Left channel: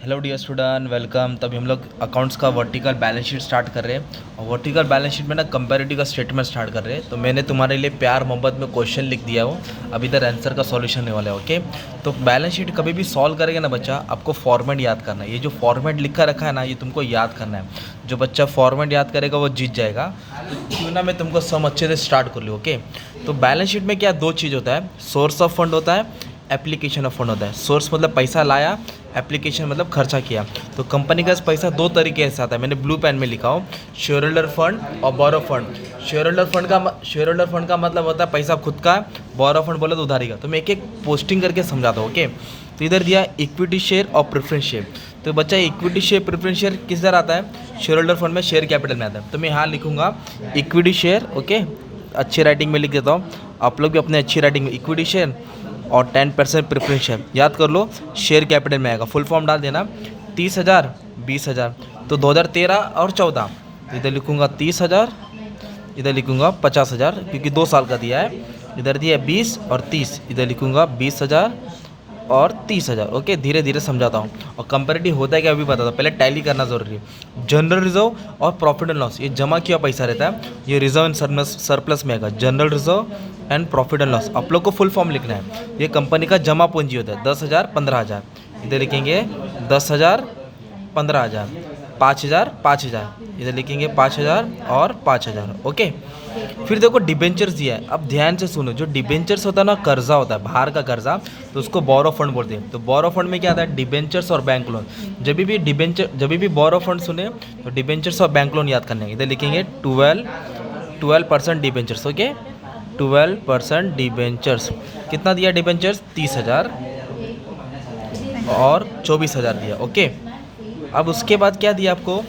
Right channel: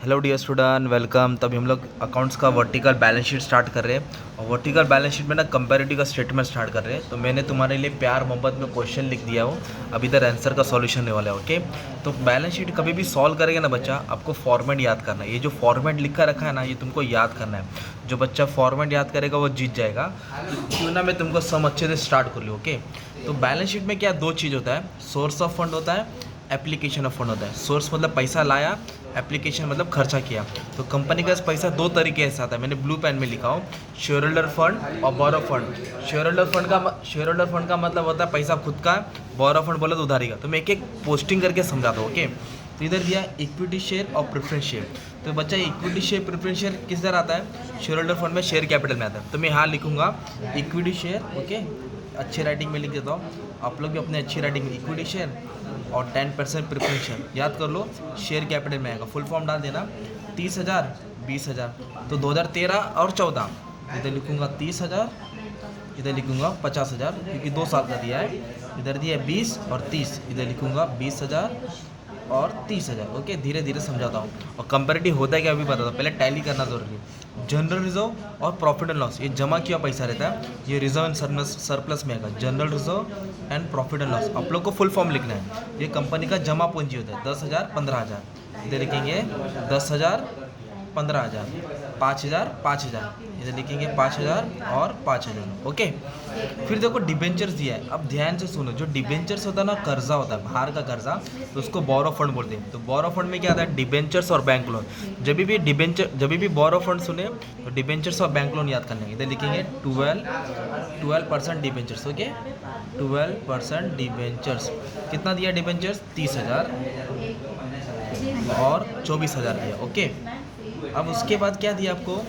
Hello dear student, welcome. तभी हम लोग अकाउंट्स का वर्टिकल बैलेंस शीट स्टार्ट कर रहे हैं और वर्टिकल बैलेंस शीट में ना कंपैरेटिव का स्टेटमेंट स्टार्ट कर रहे हैं। तो मैंने तुम्हारे लिए प्यार मोहब्बत में क्वेश्चन लिख दिया हो, अब इधर आंसर का सॉल्यूशन होने वाला है। ओके, तो बैलेंस शीट कभी भी सॉल्व करेंगे ना बच्चा, आपको फॉर्मेट याद करना है। ये जो फॉर्मेट लिखा रखा है ना, ये तुमको याद करना है। जो बच्चा फॉर्मेट याद करेगा वो जीत जाएगा। क्यों ना मैं तुमको सम अच्छे से स्टार्ट कर लूँ। ओके, तो बैलेंस शीट में क्या दो चीज़ होता है, सोर्स ऑफ फंड होता है, एप्लीकेशन ऑफ फंड होता है। सोर्स मतलब पैसा लाया, एप्लीकेशन मतलब खर्चा किया। तो कंपनी का पैसा दो तरीके से आता है, मैंने ब्लू पेन में लिखा हूँ, शेयर होल्डर फंड और बोरो फंड। शेयर होल्डर फंड का मतलब होता है पैसा खुद का, बोरो फंड बोला तो उधारी का। तो मैं एक एक पोस्टिंग करके समझाता हूँ। ओके, तो इधर दिया इक्विटी शेयर और प्रेफरेंस शेयर। तो बच्चा इक्विटी शेयर प्रेफरेंस शेयर किस तरह आता है, शेयर होल्डर फंड में शेयर कैपिटल में आता है। तो मैं यहाँ लिखूँगा इक्विटी शेयर। ओके, अच्छी राइटिंग में लिख देता हूँ, आप लोग भी अपने अच्छी राइटिंग में इक्विटी शेयर और 10% प्रेफरेंस शेयर याद कर लो, शेयर कैपिटल में आएगा। फुल फॉर्म डाल देना, 30,000 20,000। तो 2013 और 14 इधर लिखूँगा 30,000, इधर लिखूँगा 50,000 क्योंकि 2 साल का दिया है। इधर दिया 20 और 30, इधर लिखूँगा 20,000 और 30,000। ओके, धीरे धीरे समझाता हूँ। और कंपैरेटिव होता है क्या अभी बता दो, पहले टैली करना जरूरी है। जनरल रिजर्व और प्रॉफिट एंड लॉस, ये जमा किया पैसा रहता है, ये रिजर्व एंड सरप्लस में आएगा। General reserve and profit and loss आप लोग को फुल फॉर्म लिखना है। ये कंपनी का जमा पूंजी होता है, 10,000 15,000। इधर लिखेंगे 10,000 15,000, 5,000 5,000, इधर लिखेंगे 5,000 और 5,000। ओके, फिर देखो डिबेंचर्स दिया है। अब ध्यान से सुनो, जो डिबेंचर्स होता है ना, कर्जा होता है बाहर का कर्जा, तो उसको बोरो फंड बोलते हैं। तो बोरो फंड में क्या आता है, डिबेंचर्स और बैंक लोन। जब भी बोरो फंड सुने तो डिबेंचर्स और बैंक लोन याद करने। इधर लिखेंगे 12% डिबेंचर्स। Okay, 12% debentures. कितना दिया डिबेंचर्स, 30,000 और 24,000 दिया। ओके, अब उसके बाद क्या दिया आपको,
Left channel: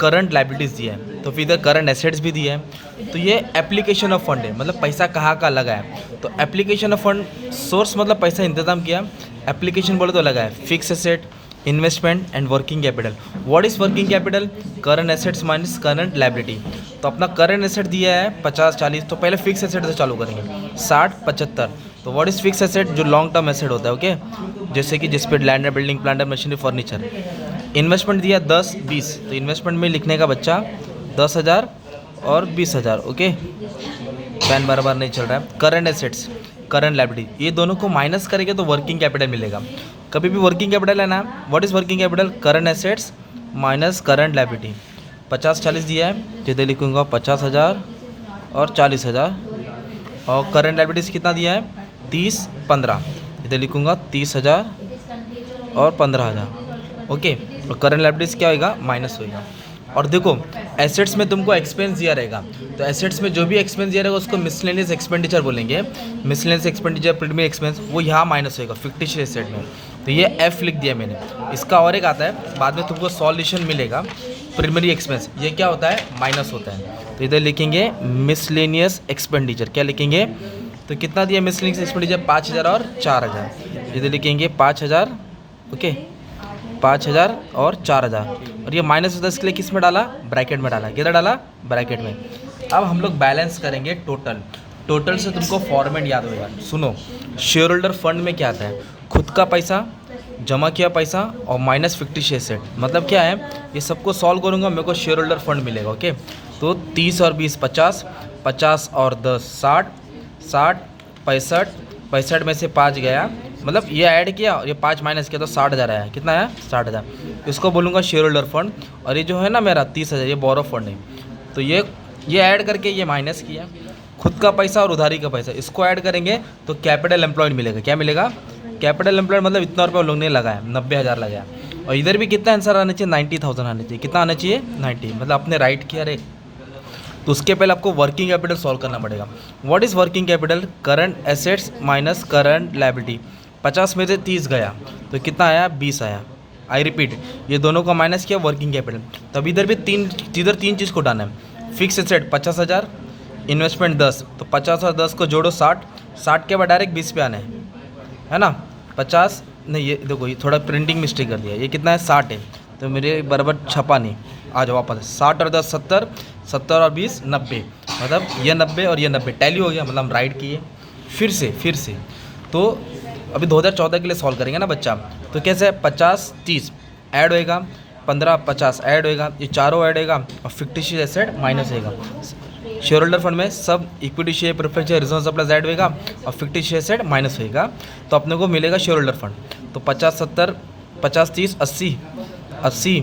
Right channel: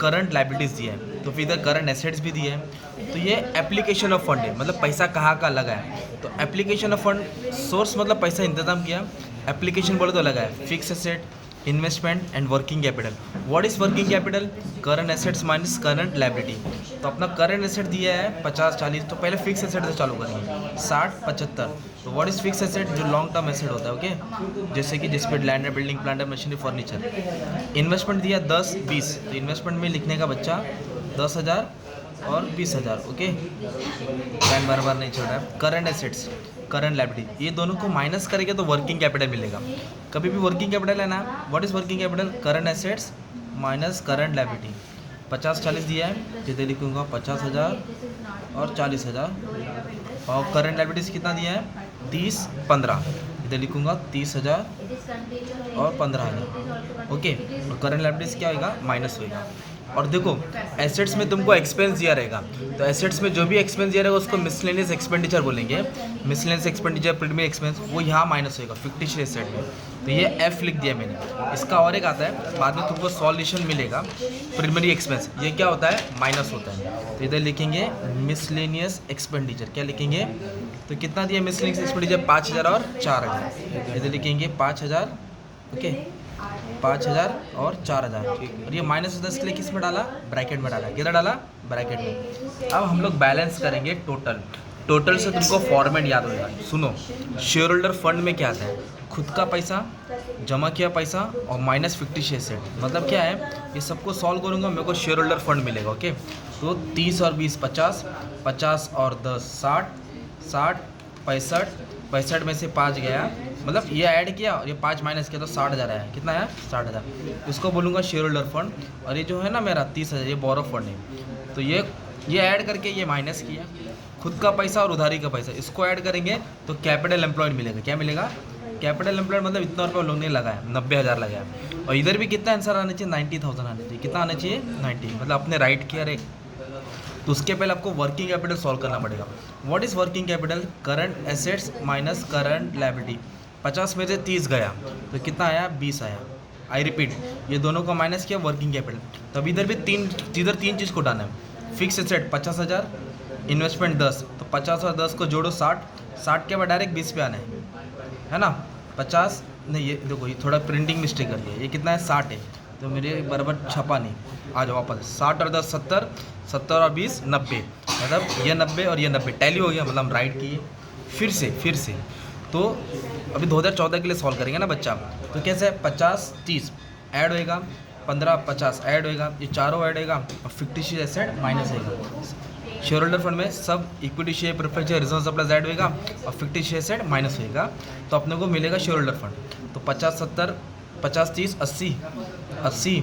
करंट लाइबिलिटीज़ दिया है। तो फिर इधर करंट एसेट्स भी दिया है। तो ये एप्लीकेशन ऑफ फंड है, मतलब पैसा कहाँ का लगा है। तो एप्लीकेशन ऑफ फंड, सोर्स मतलब पैसा इंतजाम किया, एप्लीकेशन बोले तो लगा है fix asset, investment and working capital. What is working capital, current assets minus current liability. तो अपना करंट एसेट दिया है 50-40, तो पहले फिक्स एसेट से चालू करेंगे, 60-75। तो व्हाट इज फिक्स एसेट, जो लॉन्ग टर्म एसेट होता है। ओके, जैसे कि जिस पे लैंड है, building, plant, machinery, furniture. Investment दिया 10-20, तो इन्वेस्टमेंट में लिखने का बच्चा 10,000 और 20,000। ओके, पेन बार बार नहीं चल रहा है। करंट एसेट्स, करंट लाइबिलिटी, ये दोनों को माइनस करेंगे तो वर्किंग कैपिटल मिलेगा। कभी भी वर्किंग कैपिटल है ना, what is working capital, current assets minus current liability. 50-40 दिया है, जिधर लिखूँगा 50,000 और 40,000। और करंट लाइबिलिटीज़ कितना दिया है, 30-15, इधर लिखूँगा 30,000 और 15,000। ओके, और करंट लाइबिलिटीज़ क्या होगा, माइनस होगा। और देखो एसेट्स में तुमको एक्सपेंस दिया रहेगा, तो एसेट्स में जो भी एक्सपेंस दिया रहेगा उसको मिसलेनियस एक्सपेंडिचर बोलेंगे। मिसलेनियस एक्सपेंडिचर, प्रीमियम एक्सपेंस, वो यहाँ माइनस होगा फिक्टिश एसेट में। तो ये एफ लिख दिया मैंने। इसका और एक आता है, बाद में तुमको सॉल्यूशन मिलेगा, प्राइमरी एक्सपेंस, ये क्या होता है, माइनस होता है। तो इधर लिखेंगे मिसलेनियस एक्सपेंडिचर, क्या लिखेंगे, तो कितना दिया मिसलेनियस एक्सपेंडिचर, 5,000 और 4,000। इधर लिखेंगे 5,000। ओके, 5,000 और 4,000। और ये माइनस होता है, इसके लिए किस में डाला, ब्रैकेट में डाला। किधर डाला, ब्रैकेट में। अब हम लोग बैलेंस करेंगे टोटल। टोटल से तुमको फॉर्मेट याद होगा, सुनो। शेयर होल्डर फंड में क्या आता है, खुद का पैसा, जमा किया पैसा और माइनस फिक्टिश एसेट। मतलब क्या है, ये सबको सॉल्व करूँगा, मेरे को शेयर होल्डर फंड मिलेगा। ओके, तो 30 और 20 50, 50 और 10 60, 60 65, 65 में से 5 गया, मतलब ये ऐड किया और ये 5 माइनस किया तो 60,000 आया। कितना आया, 60,000। इसको बोलूँगा शेयर होल्डर फंड। और ये जो है ना मेरा 30,000, ये बोरो फंड है। तो ये ऐड करके ये माइनस किया, खुद का पैसा और उधारी का पैसा, इसको ऐड करेंगे तो कैपिटल एम्प्लॉयड मिलेगा। क्या मिलेगा, कैपिटल एम्प्लॉयड, मतलब इतना रुपये लोग ने लगाया, 90,000 लगाया। और इधर भी कितना आंसर आना चाहिए, 90,000 आना चाहिए। कितना आना चाहिए, 90, मतलब आपने राइट किया रे। तो उसके पहले आपको वर्किंग कैपिटल सॉल्व करना पड़ेगा। What is working capital, current assets minus current liability. 50 में से 30 गया तो कितना आया, 20 आया। आई रिपीट, ये दोनों का माइनस किया, वर्किंग कैपिटल। तब इधर भी तीन चीज़ को डालना है। फिक्स एसेट 50,000, इन्वेस्टमेंट 10, तो 50 और 10 को जोड़ो 60, 60 के बाद डायरेक्ट 20 पे आना है ना। 50 नहीं, ये देखो ये थोड़ा प्रिंटिंग मिस्टेक कर दिया, ये कितना है, 60 है, तो मेरे बराबर छपा नहीं। आ जाओ वापस, 60 और 10 70, 70 और 20 90, मतलब ये 90 और ये 90 टैली हो गया, मतलब हम राइट किए। फिर से तो अभी 2014 के लिए सॉल्व करेंगे ना बच्चा। तो कैसे है, 50 30, ऐड होएगा, 15 50 ऐड होएगा, ये चारों ऐड होएगा और फिक्टिशियस एसेट माइनस होएगा। शेयर होल्डर फंड में सब equity share preference share reserve surplus add होएगा और फिक्टिशियस एसेट माइनस होएगा, तो अपने को मिलेगा शेयर होल्डर फंड। तो 50 70 50 30 80 80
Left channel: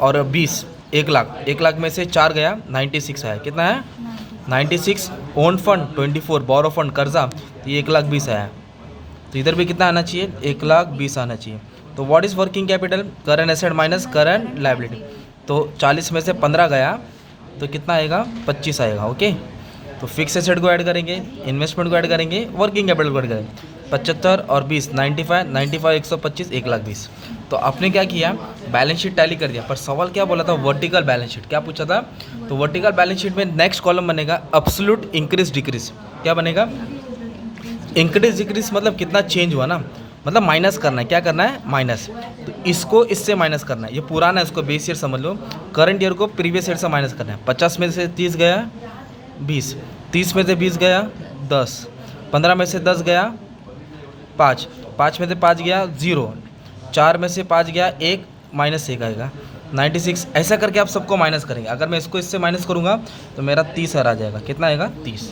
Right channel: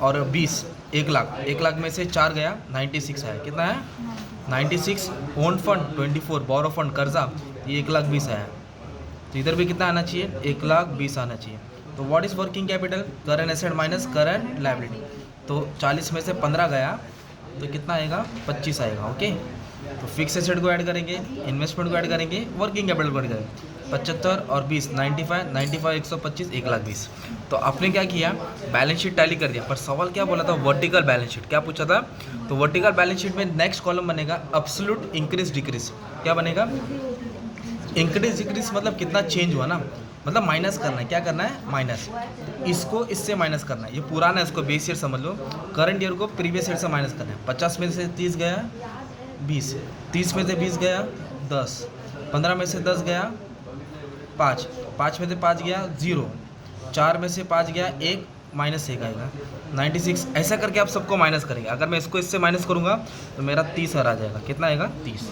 और 20 1 लाख, 1 लाख में से 4 गया 96 आया, कितना है 96। ओन फंड 24, बोरो फंड कर्जा, ये 1,20,000 आया। तो इधर भी कितना आना चाहिए 1,20,000 आना चाहिए। तो what is working capital, current asset minus current liability. तो 40 में से 15 गया तो कितना आएगा 25 आएगा। ओके, तो फिक्स एसेट को ऐड करेंगे, इन्वेस्टमेंट को ऐड करेंगे, वर्किंग कैपिटल को ऐड करेंगे। 75 और 20 95 95 125 1,20,000। तो आपने क्या किया, बैलेंस शीट टैली कर दिया, पर सवाल क्या बोला था, वर्टिकल बैलेंस शीट क्या पूछा था। तो वर्टिकल बैलेंस शीट में नेक्स्ट कॉलम बनेगा एब्सोल्यूट इंक्रीज डिक्रीज। क्या बनेगा, इंक्रीज डिक्रीज मतलब कितना चेंज हुआ ना, मतलब माइनस करना है, क्या करना है माइनस। तो इसको इससे माइनस करना है, ये पुराना है इसको बेस ईयर समझ लो, करंट ईयर को प्रीवियस ईयर से माइनस करना है। 50 में से 30 गया 20, 30 में से 20 गया 10, 15 में से 10 गया 5, 5 में से 5 गया 0, 4 में से 5 गया 1 माइनस 1 आएगा 96। ऐसा करके आप सबको माइनस करेंगे। अगर मैं इसको इससे माइनस करूँगा तो मेरा 30 आ जाएगा, कितना आएगा 30।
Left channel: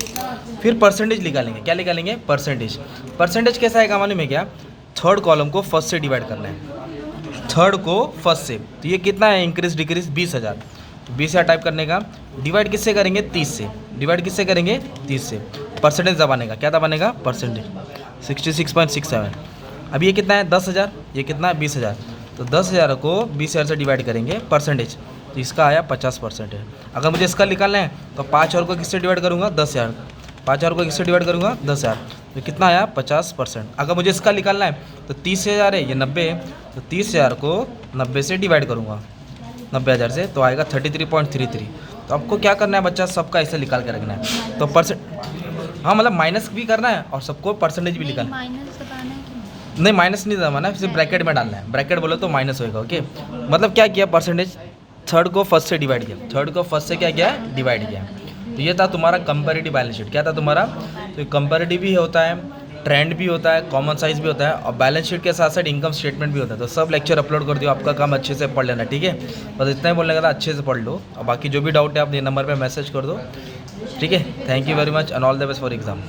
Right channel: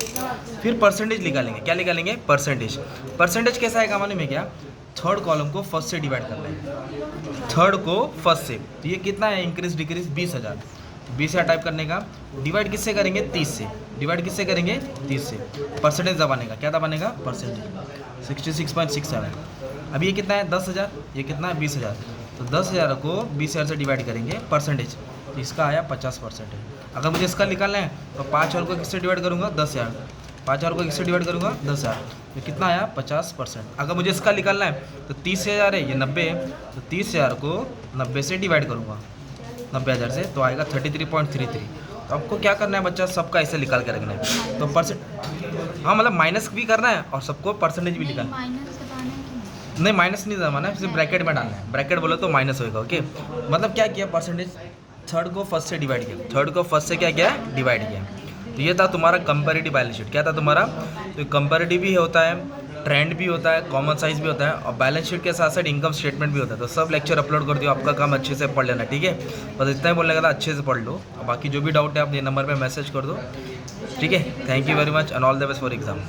फिर परसेंटेज निकालेंगे, क्या निकालेंगे परसेंटेज। परसेंटेज कैसा आएगा मालूम है क्या, थर्ड कॉलम को फर्स्ट से डिवाइड करना है, थर्ड को फर्स्ट से। तो ये कितना है इंक्रीज डिक्रीज 20,000, 20,000 टाइप करने का, डिवाइड किससे करेंगे 30 से, डिवाइड किससे करेंगे 30 से। परसेंटेज दबाने का, क्या दबानेगा परसेंटेज 66.67। अभी ये कितना है 10,000, ये कितना है 20,000। तो 10,000 को 20,000 से डिवाइड करेंगे परसेंटेज, तो इसका आया 50% है। अगर मुझे इसका निकालना है तो 5 और को किससे डिवाइड करूँगा 10,000, 5 और को किससे डिवाइड करूँगा 10,000, ये कितना आया 50%। अगर मुझे इसका निकालना है तो 30,000 है, ये 90 है, तो 30,000 को 90 से डिवाइड करूँगा 90,000 से, तो आएगा 33.33। तो आपको क्या करना है बच्चा, सबका ऐसे निकाल के रखना है। तो परसेंट हाँ मतलब माइनस भी करना है और सबको परसेंटेज भी निकालना है। नहीं माइनस नहीं दबाना है, सिर्फ ब्रैकेट में डालना है, ब्रैकेट बोलो तो माइनस होएगा। ओके, मतलब क्या किया परसेंटेज, थर्ड को फर्स्ट से डिवाइड किया, थर्ड को फर्स्ट से क्या किया डिवाइड किया। तो ये था तुम्हारा कंपैरेटिव बैलेंस शीट। क्या था तुम्हारा, तो कंपैरेटिव भी होता है, ट्रेंड भी होता है, कॉमन साइज भी होता है, और बैलेंस शीट के साथ साथ इनकम स्टेटमेंट भी होता है। तो सब लेक्चर अपलोड कर दियो, आपका काम अच्छे से पढ़ लेना, ठीक है। बस इतना ही बोलने का था, अच्छे से पढ़ लो, और बाकी जो भी डाउट है आप ये नंबर पर मैसेज कर दो, ठीक है। Thank you very much and all the best for exam.